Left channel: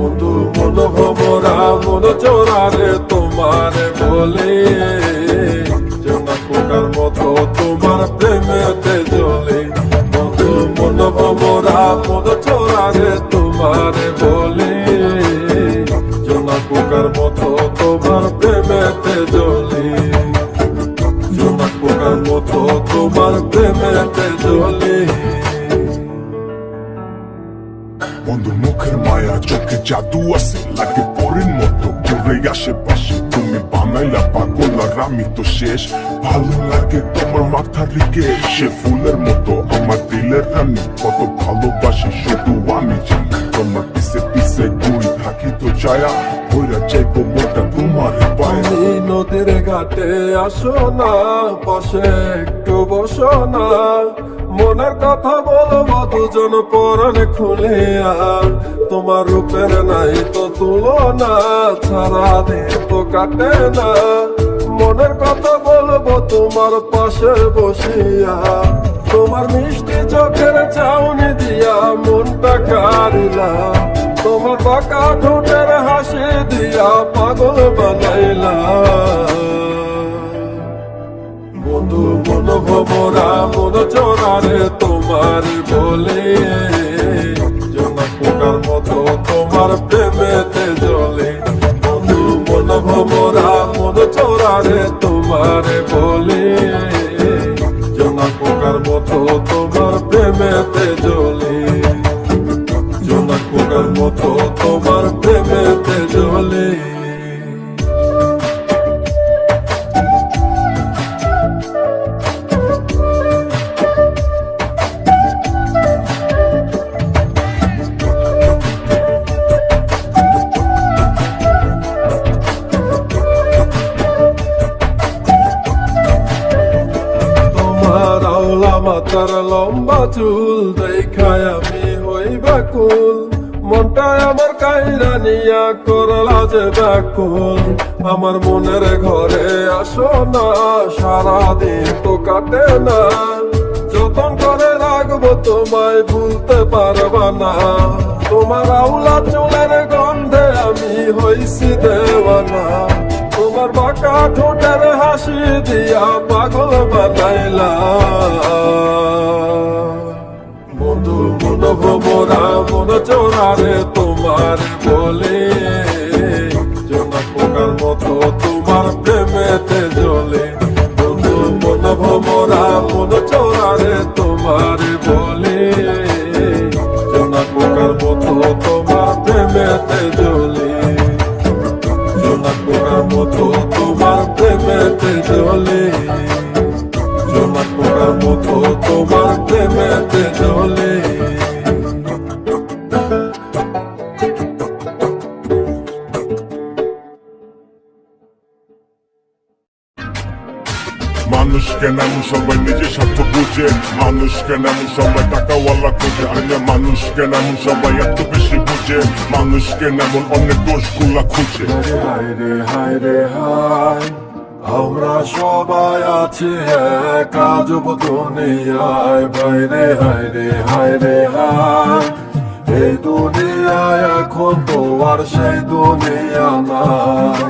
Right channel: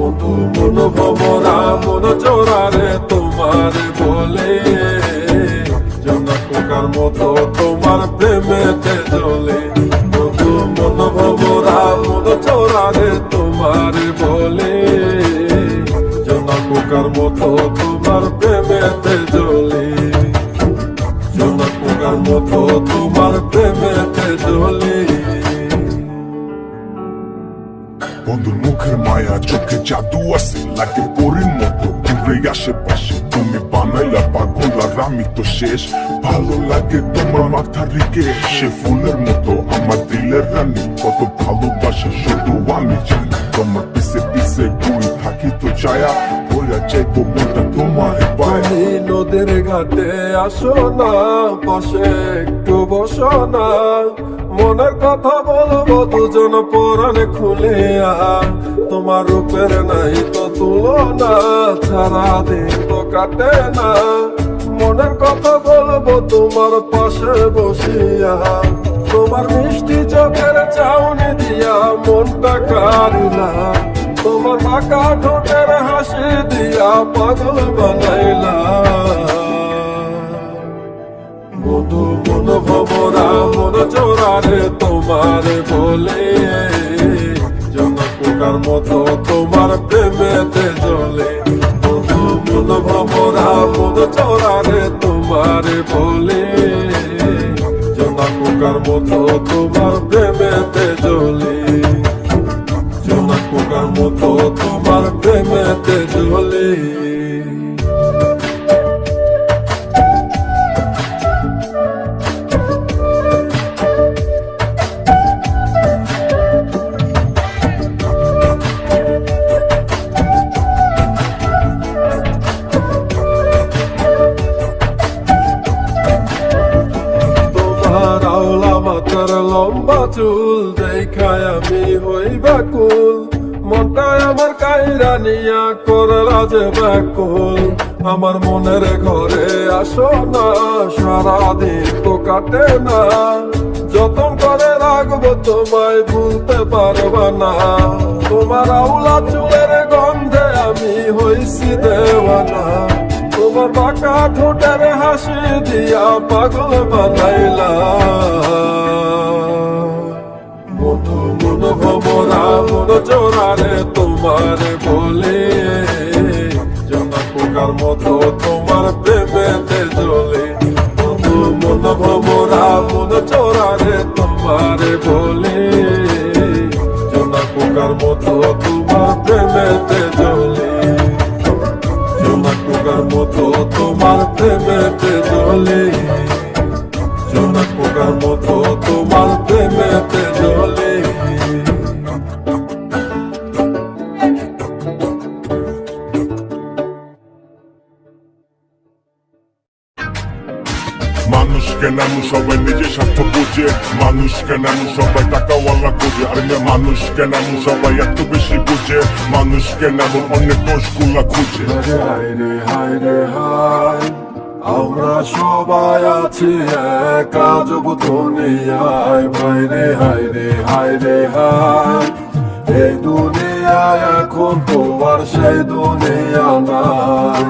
বন্ধু মন ভমরা মন চোরারে তোমারে বলে জনকুকার মতো তোমার প্রেমেতে জ্বলে। বন্ধু মন ভমরা মন চোরারে তোমারে বলে জনকুকার মতো তোমার প্রেমেতে জ্বলে। জনকুকার মতো তোমার প্রেমেতে জ্বলে। বন্ধুর মুখের মায়া চোখে জাদু আছে লাগে পরীর মতো ঘুরে আশেপাশে। তুমি বানাইলা পাগল আর আমি তো শেষ। ভালো লাগে তোমার মাথা রেখে সে ফুলের মতো আমার দিলের রানী। কত ভালোবাসি শুধু আমি জানি। তোমার পিছে পিছে ঘুরে থাকি তো ছায়া ওরা চাইবো মনটা তোমার পায়। তুমি নদীর ঘাটে আসো না বসে একটু বসো না। মনের কথা বলবো দুজন পরাণে খুলিয়া। তোমার রূপের নাই তো তুলনা সারা দিন তো কাটে না। মনের কথা বলবো তোমার পাশে বসিয়া। তোমার মিষ্টি চোখের চাউনি দিয়া মনটা কারিলাম। তোমার বাঁকা ঠোঁটের হাসি দিয়া পাগল বানাইলা। বন্ধু মন ভমরা মন চোরারে তোমারে বলে জনকুকার মতো তোমার প্রেমেতে জ্বলে। বন্ধু মন ভমরা মন চোরারে তোমারে বলে জনকুকার মতো তোমার প্রেমেতে জ্বলে। জনকুকার মতো তোমার প্রেমেতে জ্বলে। মাথার লম্বা চুল দেখায় আমি হই ব্যাকুল। মনটা আমার কাইরা নিয়া করলা যে ব্যাকুল। আমার মনের ঘরে আসো না সারাদিন তো কাটে না। যতন করে রাখবো তোমায় ভুলতে পারবা না। তোমার আওলা চুলের গন্ধে আমি হইছি দেওয়ানা। তোমার বাঁকা ঠোঁটের হাসি দিয়া পাগল বানাইলা। বন্ধু মন ভমরা মন চোরারে তোমারে বলে জনকুকার মতো তোমার প্রেমেতে জ্বলে। বন্ধু মন ভমরা মন চোরারে তোমারে বলে জনকুকার মতো তোমার প্রেমেতে জ্বলে। জনকুকার মতো তোমার প্রেমেতে জ্বলে। জনকুকার মতো তোমার প্রেমেতে জ্বলে। মানুষকে নামু সবাই নিজের স্বার্থ বুঝে। মানুষকে নামু সবাই টাকাওয়ালা খোঁজে। মানুষকে নামু সবাই এত বেশি বুঝে। মানুষকে নামু অনেক দোষ গুলা খুঁজে। হায় রে হায় রে হায় আমরা সবাই আছি এক আজব দুনিয়ায়। ভাই রে হায় রে হায় রে হায় এই দুনিয়ায় এখন তো আর সেই দুনিয়া নাই।